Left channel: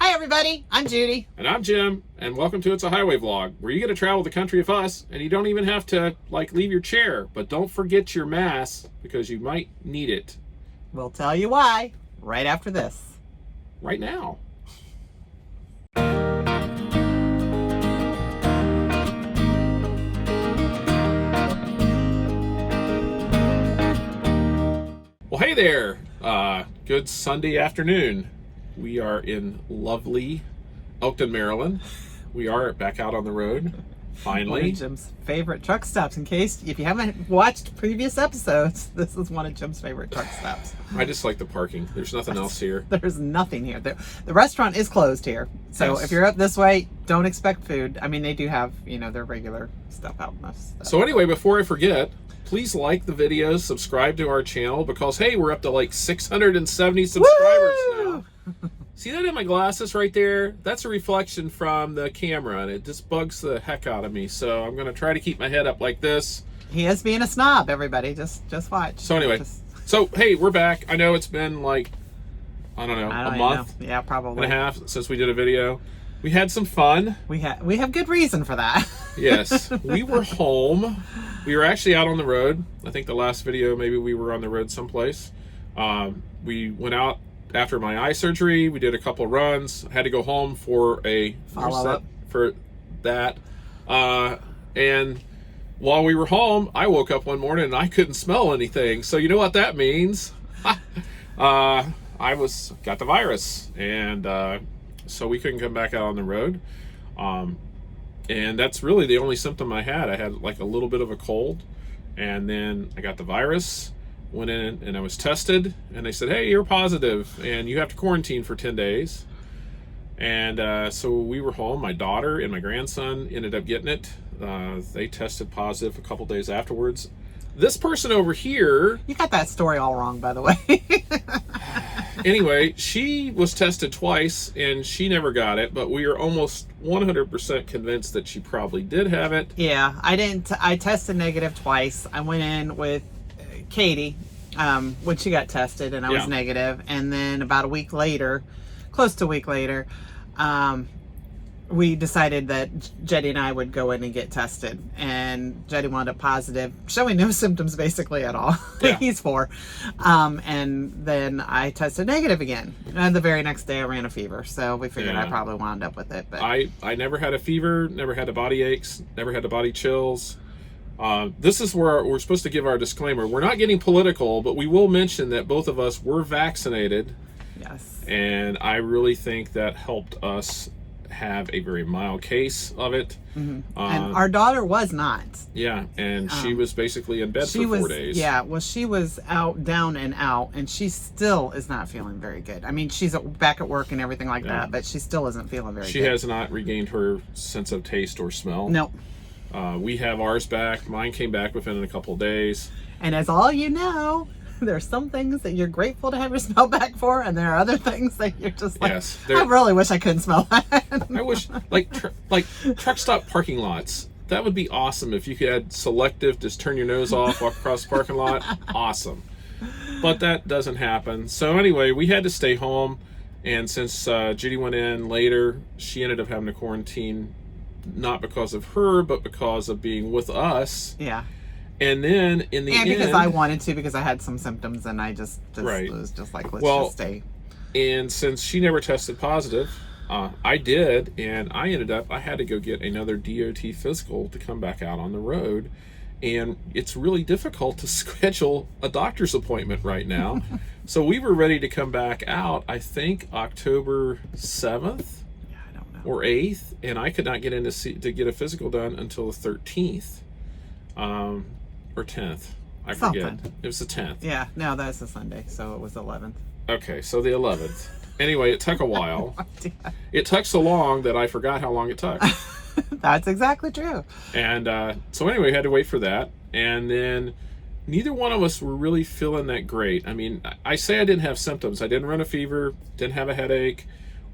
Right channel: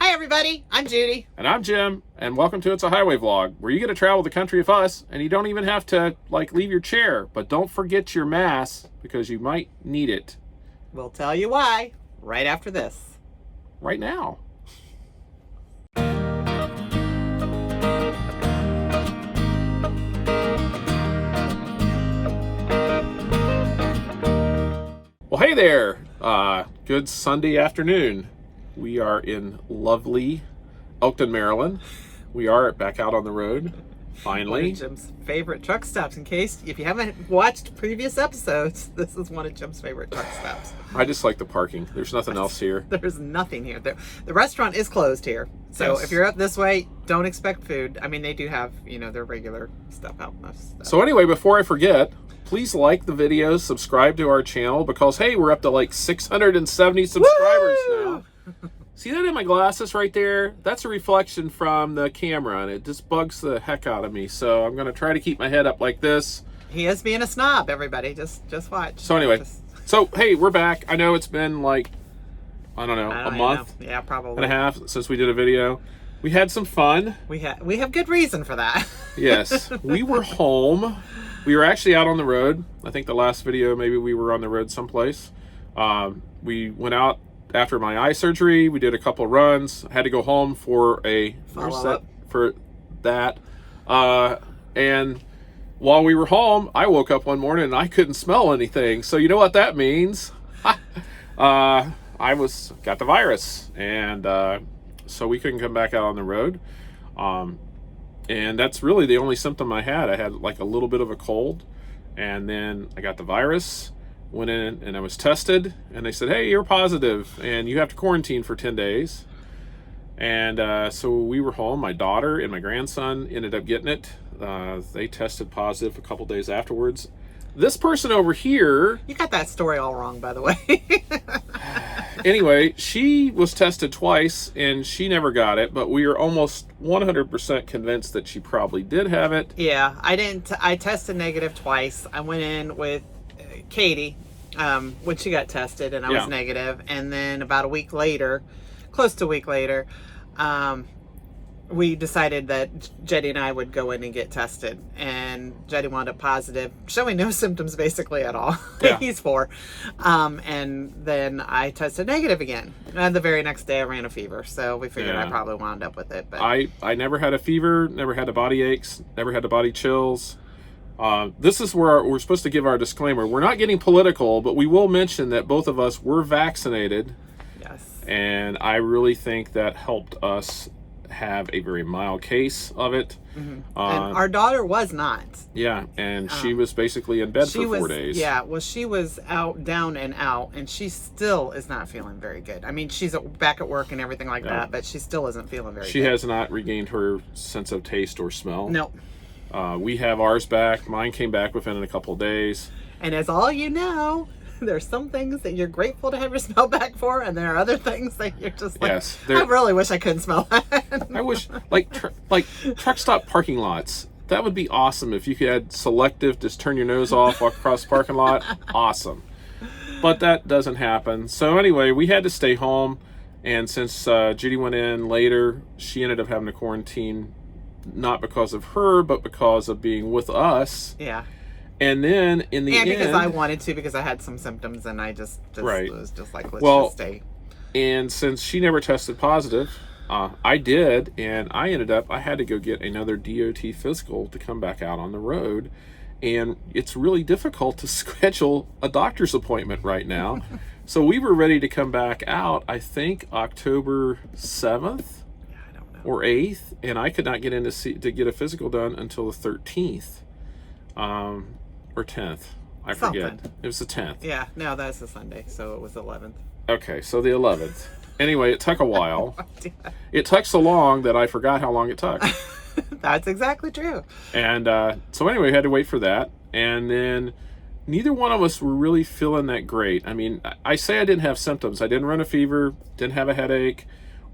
Hi everybody, I'm Judy. And I'm Jim, and welcome to It's a Highway Vlog, where you get to travel the country with us, and you don't even have to, leave your chair. But don't forget your mask, because you might need it. We'll tell you why right after this. Right now. Well, hey there. Good Sunday afternoon. We are in lovely Elkton, Maryland. We are back out on the road, finally. One of Jim's favorite truck stops. In case, if you haven't watched previous episodes, this is one of Jim's favorite truck stops. I just like the parking. There's nothing else here. There's nothing here. The restaurant is closed here. So Yes. If you're up this way, don't expect food. I mean, they do have, their regular stuff out. So anyway, before I forget, please like the video, subscribe to our channel, because hey, we're up to 670 subscribers now. See that in my glasses right there? That's a reflection from the camera, and it just bugs the heck out of me. So I'm going to try to keep my head up like this. He is being a snob, everybody. Just watch. So anyway, so hey, we're back. I know it's been a month, yeah, probably and a half since we did a video. We had some fun. We have good reason for that. Yes, we were home. We were actually out on the road. I think the last video, maybe we were on the road someplace. We went out after my eye surgery. We did a couple runs. I had to go home for a follow-up for that. And while we were home, I woke up one morning and I couldn't smell anything. So you know what that means? I got the virus, and so we couldn't come back out on the road. And that's really the only symptom I had. I had a little bit of a cold, and then I got the virus, went in and I was tested, and they said, hey, you're positive and you have to quarantine for 10 days. And so we were home. My daughter and my grandson ended up getting it. They tested positive a couple days afterwards. This person over here... You got that story all wrong, by the way. Anyway, she was tested twice, and she never got it, but we are almost 100% convinced that she probably did have it. Yeah, I tested negative twice. I went in with Katie when she got tested, and I was negative. And then about a week later, close to a week later, we decided that Jetty and I would go in and get tested, and Jetty wound up positive, showing no symptoms basically at all. Yeah. He's 4. And then I tested negative again. And the very next day I ran a fever, so we figured I probably wound up with it. But I never had a fever, never had the body aches, never had the body chills. This is where we're supposed to give our disclaimer. We're not getting political, but we will mention that both of us were vaccinated. Yes. And I really think that helped us have a very mild case of it. Mm-hmm. And our daughter was not. Yeah, and she was basically in bed for 4 days. Yeah, well, she was down and out, and she still is not feeling very good. I mean, she's back at work and everything like that, but she still isn't feeling very good. She has not regained her sense of taste or smell. Nope. We have ours back. Mine came back within a couple of days. And as all you know, there's some things that you're grateful to have your smell back for, and there are other things that you're just like, yes, I really wish I couldn't smell that. I wish, truck stop parking lots. That would be awesome if you could selective, just turn your nose off, walk across the parking lot. Awesome. But that doesn't happen. So anyway, we had to stay home, and since Judy went in later, she ended up having to quarantine, not because of her, but because of being with us. Yeah. And then in the end, because I wanted to, because I had some symptoms, and I just was just like, let's just stay. And since she never tested positive, I did, and I had to go get another DOT physical to come back out on the road. And it's really difficult to schedule a doctor's appointment right now. So we were ready to come back out, I think October 7th. Yeah, I don't know. Or 8th, and I could not get in to get a physical done until the 13th. Or 10th. I forget. It was the 10th. Yeah, no, that's a Sunday, so it was 11th. Okay, so the 11th. Anyway, it took a while. It took so long that I forgot how long it took. That's exactly true. And so anyway, we had to wait for that. And then neither one of us were really feeling that great. I mean, I say I didn't have symptoms. I didn't run a fever, didn't have a headache,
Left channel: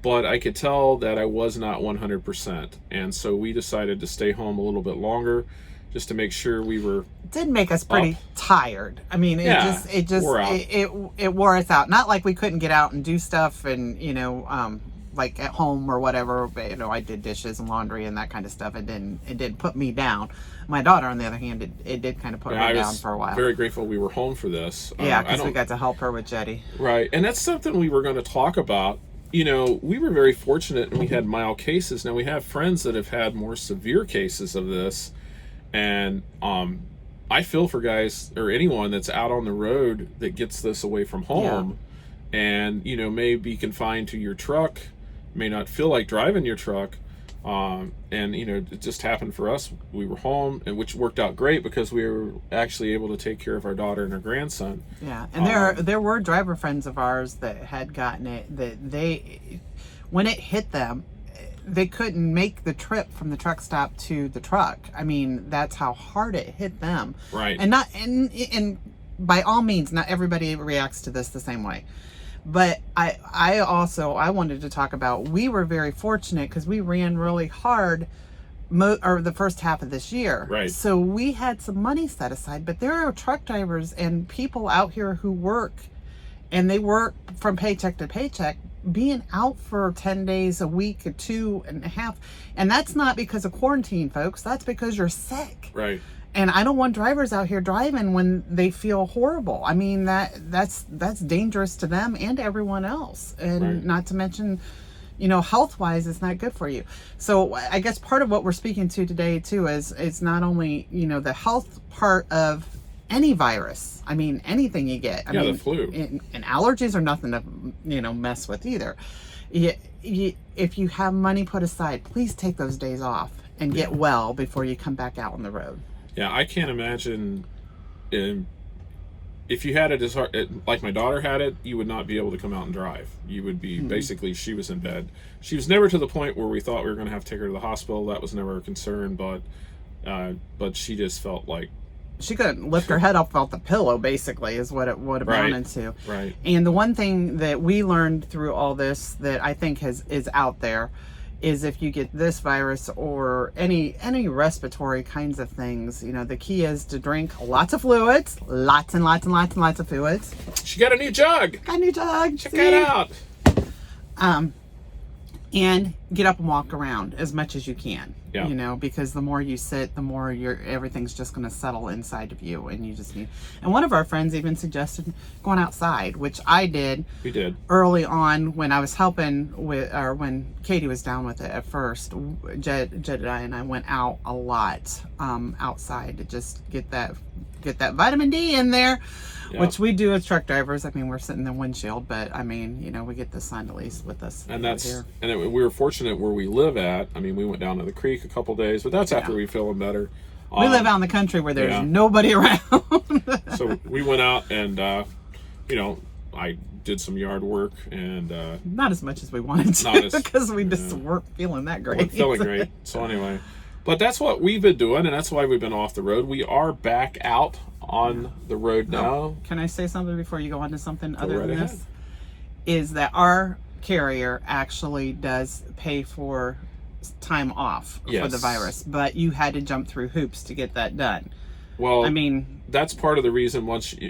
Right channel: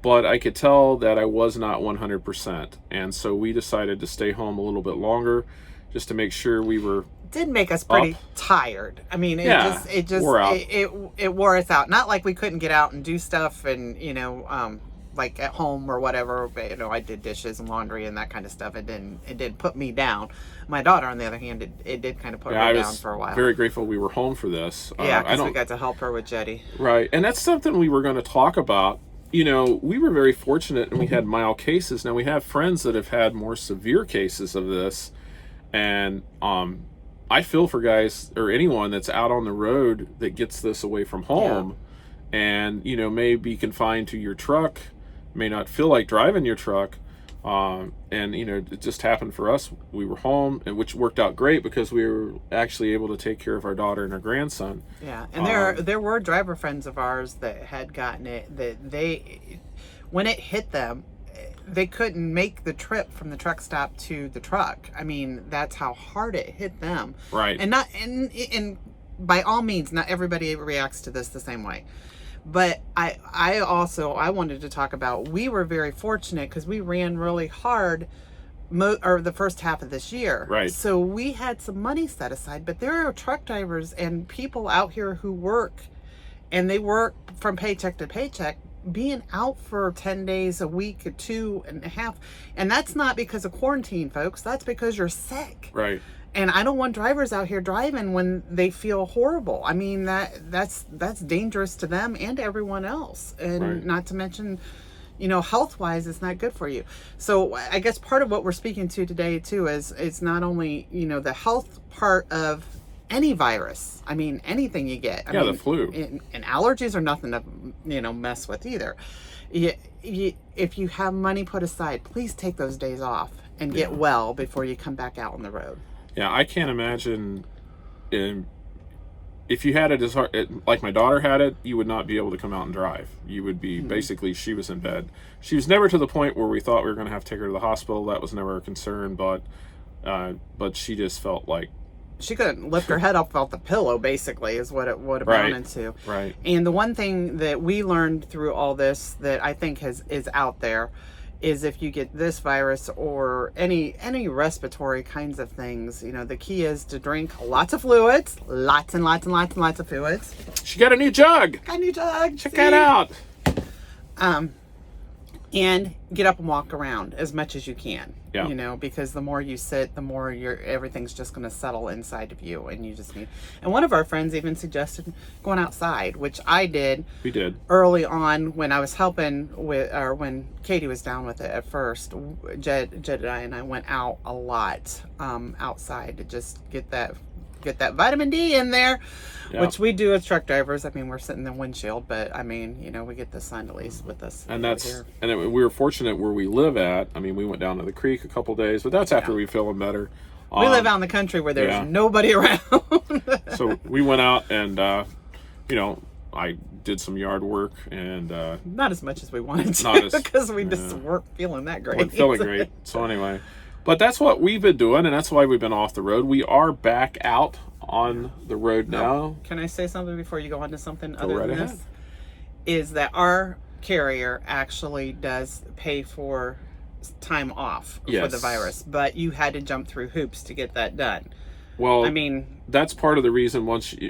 but I could tell that I was not 100%. And so we decided to stay home a little bit longer, just to make sure we were. It did make us pretty tired. I mean, it wore out. It wore us out. Not like we couldn't get out and do stuff and like at home or whatever, but, you know, I did dishes and laundry and that kind of stuff. It didn't put me down. My daughter, on the other hand, it did kind of put her down for a while. Very grateful we were home for this. Yeah, because we got to help her with Jetty. Right, and that's something we were going to talk about. You know, we were very fortunate and we had mild cases. Now we have friends that have had more severe cases of this, and I feel for guys or anyone that's out on the road that gets this away from home, and, you know, may be confined to your truck, may not feel like driving your truck. And, you know, it just happened for us. We were home, and which worked out great because we were actually able to take care of our daughter and our grandson. Yeah, and there were driver friends of ours that had gotten it, that they, when it hit them, they couldn't make the trip from the truck stop to the truck. I mean, that's how hard it hit them. Right. And by all means, not everybody reacts to this the same way. But I also wanted to talk about, we were very fortunate because we ran really hard the first half of this year. Right. So we had some money set aside, but there are truck drivers and people out here who work, and they work from paycheck to paycheck, being out for 10 days a week, 2.5. And that's not because of quarantine, folks. That's because you're sick. Right. And I don't want drivers out here driving when they feel horrible. I mean, that's dangerous to them and to everyone else. And not to mention, you know, health-wise, it's not good for you. So I guess part of what we're speaking to today, too, is it's not only, you know, the health part of any virus. I mean, anything you get. I mean, the flu. And allergies are nothing to, you know, mess with either. If you have money put aside, please take those days off and get well before you come back out on the road. Yeah, I can't imagine if you had like my daughter had it, you would not be able to come out and drive. You would be basically, she was in bed. She was never to the point where we thought we were going to have to take her to the hospital. That was never a concern, but she just felt like she couldn't lift her head up off the pillow, basically, is what it would amount to. Right. And the one thing that we learned through all this that I think is out there is, if you get this virus or any respiratory kinds of things, you know, the key is to drink lots of fluids, lots and lots and lots and lots of fluids. She got a new jug. Got a new jug. Check that out. And get up and walk around as much as you can. Yeah. You know, because the more you sit, the more everything's just going to settle inside of you, and you just need. And one of our friends even suggested going outside, which I did. We did Early on when I was helping with, or when Katie was down with it at first. Jedediah and I went out a lot outside to just get that vitamin D in there, which we do as truck drivers. I mean, we're sitting in the windshield, but I mean, you know, we get the sun at least with us. And we we were fortunate where we live at. I mean, we went down to the creek a couple days, but that's after we feeling better. We live out in the country where there's nobody around. So we went out and, you know, I did some yard work and not as much as we wanted to because we just weren't feeling that great. Weren't feeling great. So anyway. But that's what we've been doing, and that's why we've been off the road. We are back out on the road now. Can I say something before you go on to something other than ahead. this? Is that our carrier actually does pay for time off for the virus, but you had to jump through hoops to get that done. Well, I mean, that's part of the reason.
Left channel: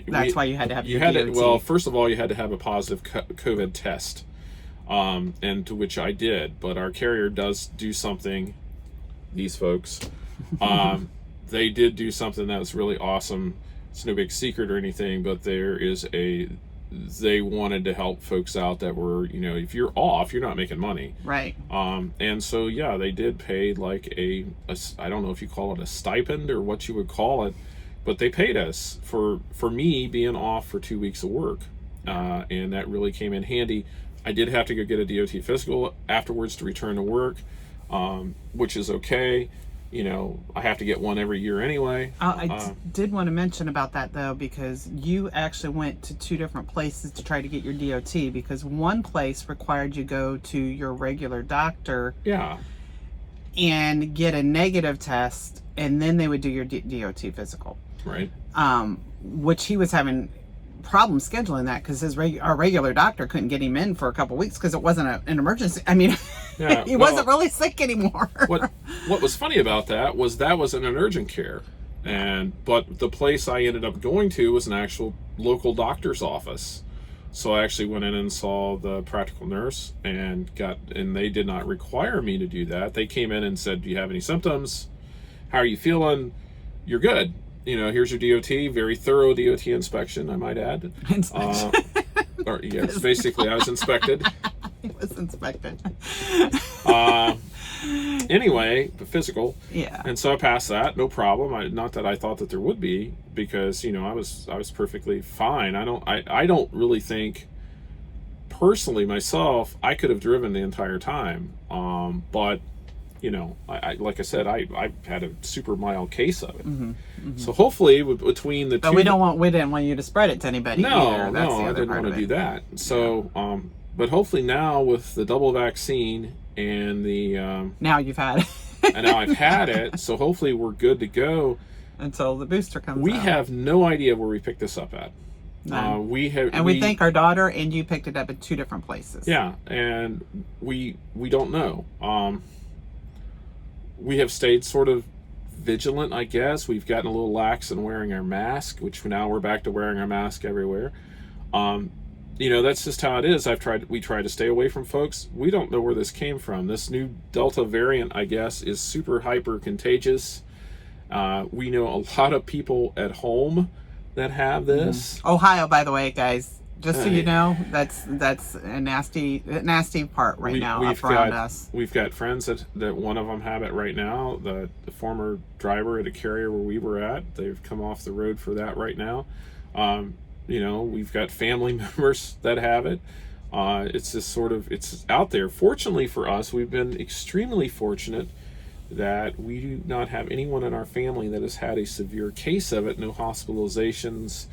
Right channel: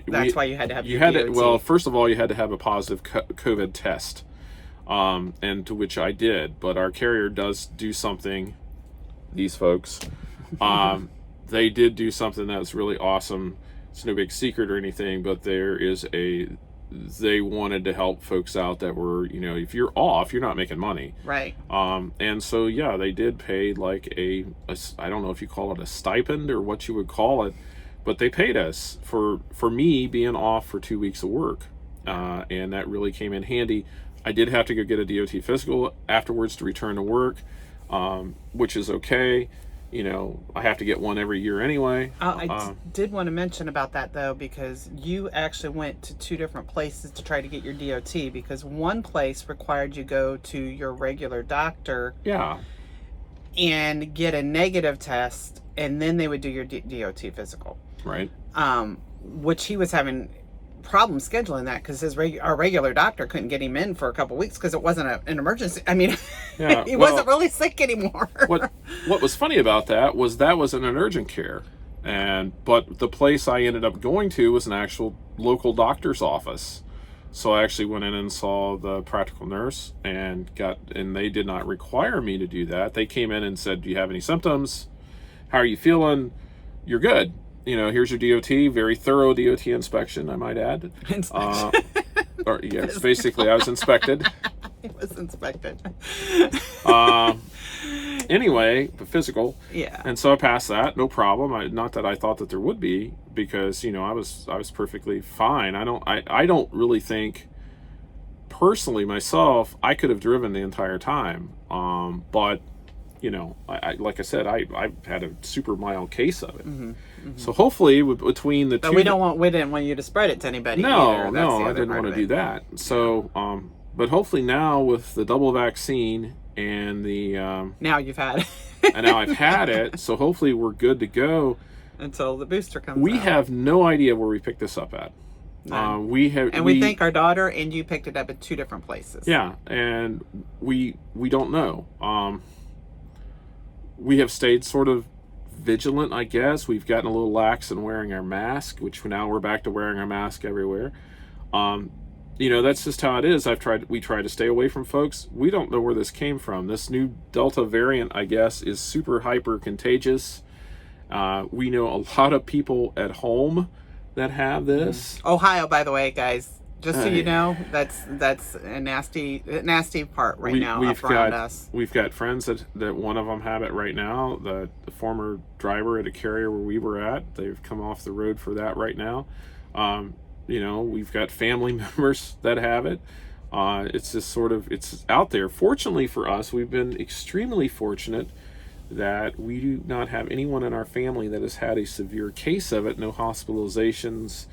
That's why you had to have your DOT. Well, first of all, you had to have a positive COVID test, and to which I did. But our carrier does do something. These folks, they did do something that was really awesome. It's no big secret or anything, but they wanted to help folks out that were, you know, if you're off, you're not making money. Right. And so, yeah, they did pay like I don't know if you call it a stipend or what you would call it, but they paid us for me being off for 2 weeks of work. And that really came in handy. I did have to go get a DOT physical afterwards to return to work. Which is okay. You know, I have to get one every year anyway. I did want to mention about that, though, because you actually went to 2 different places to try to get your DOT, because one place required you go to your regular doctor and get a negative test, and then they would do your DOT physical. Right. Which he was having problem scheduling that because our regular doctor couldn't get him in for a couple weeks because it wasn't an emergency. I mean, he wasn't really sick anymore. What was funny about that was an urgent care, but the place I ended up going to was an actual local doctor's office, So I actually went in and saw the practical nurse and they did not require me to do that. They came in and said, do you have any symptoms? How are you feeling? You're good. Here's your DOT, very thorough DOT inspection, I might add. Yes, basically I was inspected. He was inspected. Anyway, the physical. Yeah. And so I passed that, no problem. Not that I thought that there would be, because I was perfectly fine. I don't really think, personally myself, I could have driven the entire time. But I like I said, I had a super mild case of it. So hopefully, between the two, but we didn't want you to spread it to anybody either. That's the I other didn't part want of to it. do that. So, but hopefully now with the double vaccine and the now you've had it. and now I've had it, so hopefully we're good to go until the booster comes. We out. have no idea where we picked this up at. We think our daughter and you picked it up at 2 different places. Yeah, and we don't know. We have stayed sort of vigilant, I guess. We've gotten a little lax in wearing our mask, which now we're back to wearing our mask everywhere. That's just how it is. We try to stay away from folks. We don't know where this came from. This new Delta variant, I guess, is super hyper contagious. We know a lot of people at home that have this. Ohio, by the way, guys, just so you know, that's a nasty part now up around us. We've got friends that one of them have it right now. The former driver at a carrier where we were at, they've come off the road for that right now. We've got family members that have it. It's just it's out there. Fortunately for us, we've been extremely fortunate that we do not have anyone in our family that has had a severe case of it. No hospitalizations,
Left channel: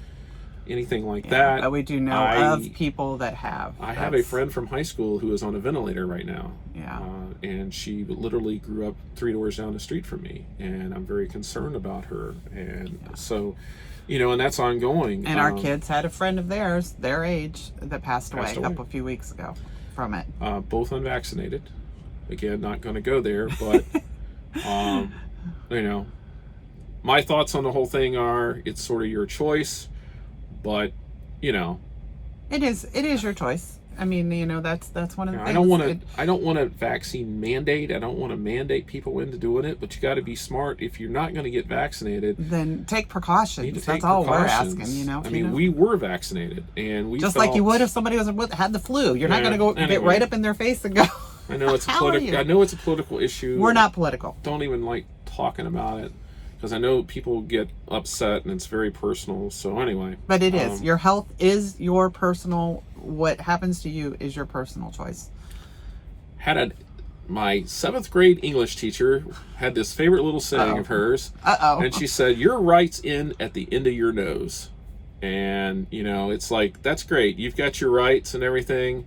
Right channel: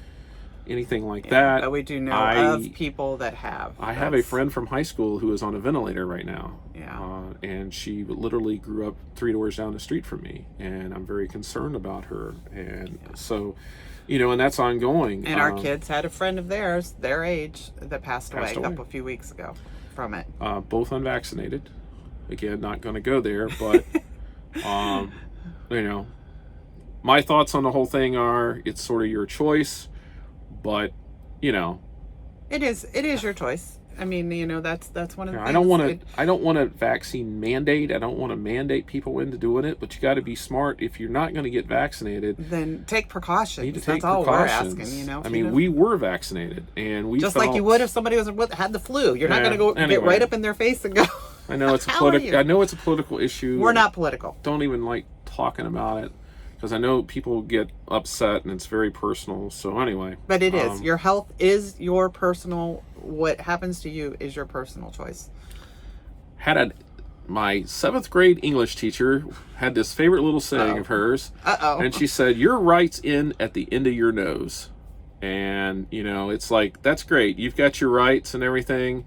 anything like that. But we do know of people that have. I have a friend from high school who is on a ventilator right now. Yeah. And she literally grew up 3 doors down the street from me, and I'm very concerned about her. And so, and that's ongoing. And our kids had a friend of theirs, their age, that passed away a few weeks ago from it. Both unvaccinated. Again, not going to go there, but my thoughts on the whole thing are it's sort of your choice, but it is your choice. I mean, that's one of the things. I don't want a vaccine mandate. I don't want to mandate people into doing it, but you got to be smart. If you're not going to get vaccinated, then take precautions. That's all we're asking, we were vaccinated, and we just like you would if somebody had the flu. You're not going to go get right up in their face and go. I know it's a political issue. We're not political. Don't even like talking about it, because I know people get upset and it's very personal. So anyway. But it is. Your health is your personal. What happens to you is your personal choice. My 7th grade English teacher had this favorite little saying of hers. And she said, "Your rights end at the end of your nose." And, it's like, that's great. You've got your rights and everything,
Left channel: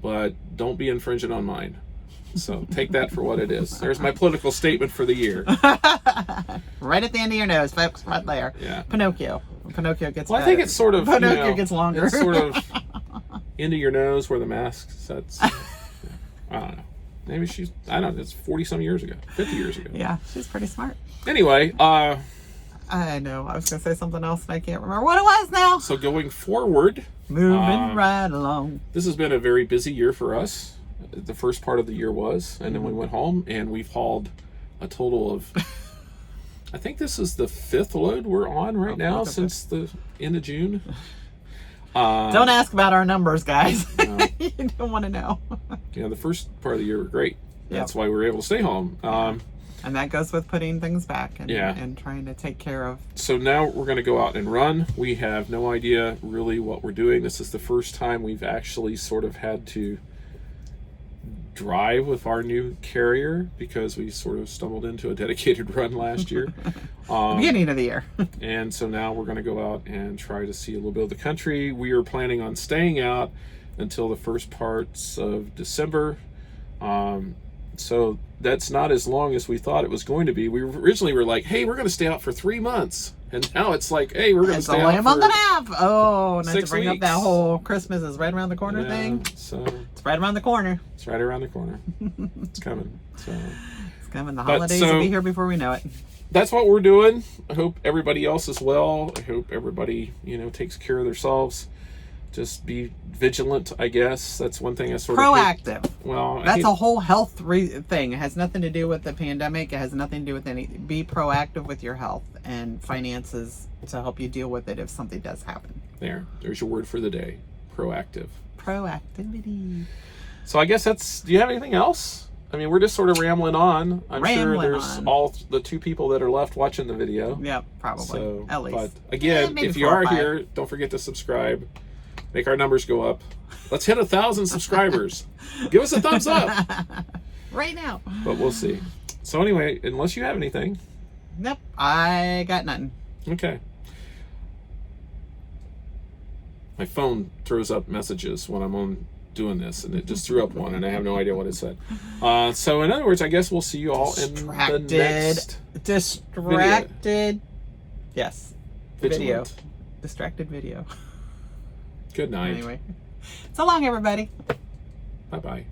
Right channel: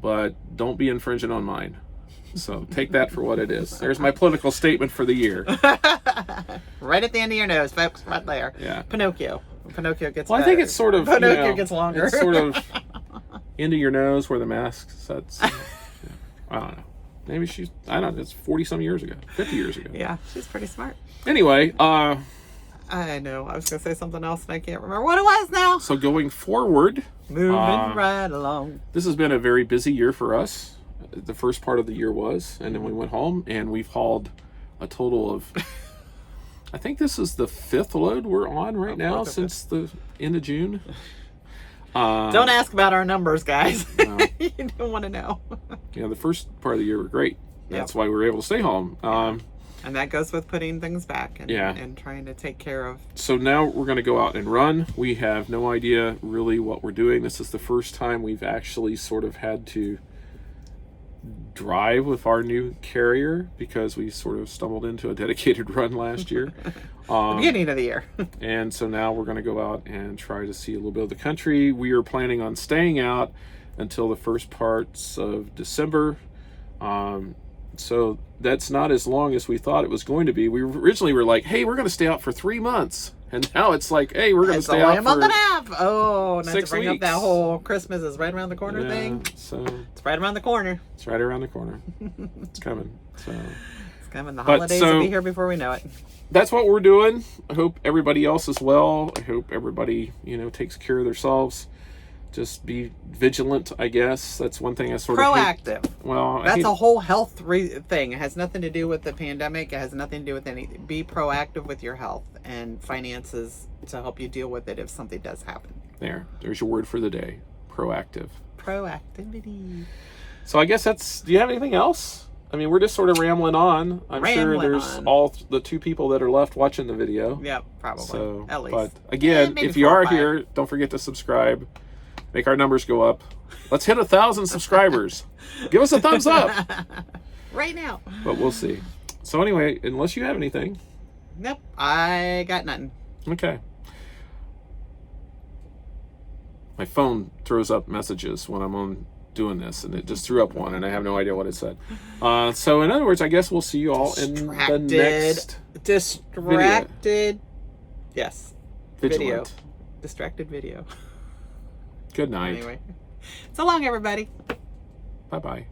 but don't be infringing on mine. So take that for what it is. There's my political statement for the year. Right at the end of your nose, folks, right there. Yeah. Pinocchio gets better. I think it's sort of... Pinocchio gets longer. It's sort of into your nose where the mask sets. I don't know. Maybe it's 40-some years ago. 50 years ago. Yeah, she's pretty smart. Anyway, I know. I was going to say something else and I can't remember what it was now. So going forward... Moving right along. This has been a very busy year for us. The first part of the year was, and then we went home and we've hauled a total of, I think this is the 5th load we're on right now since the end of June. Don't ask about our numbers, guys. No. You don't want to know. The first part of the year were great. That's why we were able to stay home. And that goes with putting things back and trying to take care of. So now we're going to go out and run. We have no idea really what we're doing. This is the first time we've actually sort of had to drive with our new carrier, because we sort of stumbled into a dedicated run last year. The beginning of the year. And so now we're going to go out and try to see a little bit of the country. We are planning on staying out until the first parts of December. So that's not as long as we thought it was going to be. We originally were like, hey, we're going to stay out for 3 months. And now it's like, hey, we're going to stay out for... It's only a month and a half. Oh, not to bring 6 up that whole Christmas is right around the corner thing. So it's right around the corner. It's right around the corner. It's coming. So it's coming. The holidays will be here before we know it. That's what we're doing. I hope everybody else is well. I hope everybody, takes care of themselves. just be vigilant, I guess. That's one thing I sort of Proactive. Well, That's a whole health thing. It has nothing to do with the pandemic. It has nothing to do with anything. Be proactive with your health and finances to help you deal with it if something does happen. There's your word for the day. Proactive. Proactivity. So I guess that's, do you have anything else? I mean, we're just sort of rambling on. I'm sure there's all the 2 people that are left watching the video. Yep, probably. So, at least. But again, if you are here, don't forget to subscribe. Make our numbers go up. Let's hit 1,000 subscribers. Give us a thumbs up. Right now. But we'll see. So anyway, unless you have anything. Nope, I got nothing. Okay. My phone throws up messages when I'm on doing this, and it just threw up one, and I have no idea what it said. So in other words, I guess we'll see you all in the next distracted video. Yes. Vigilant. Video. Distracted video. Good night. Anyway. So long, everybody. Bye-bye.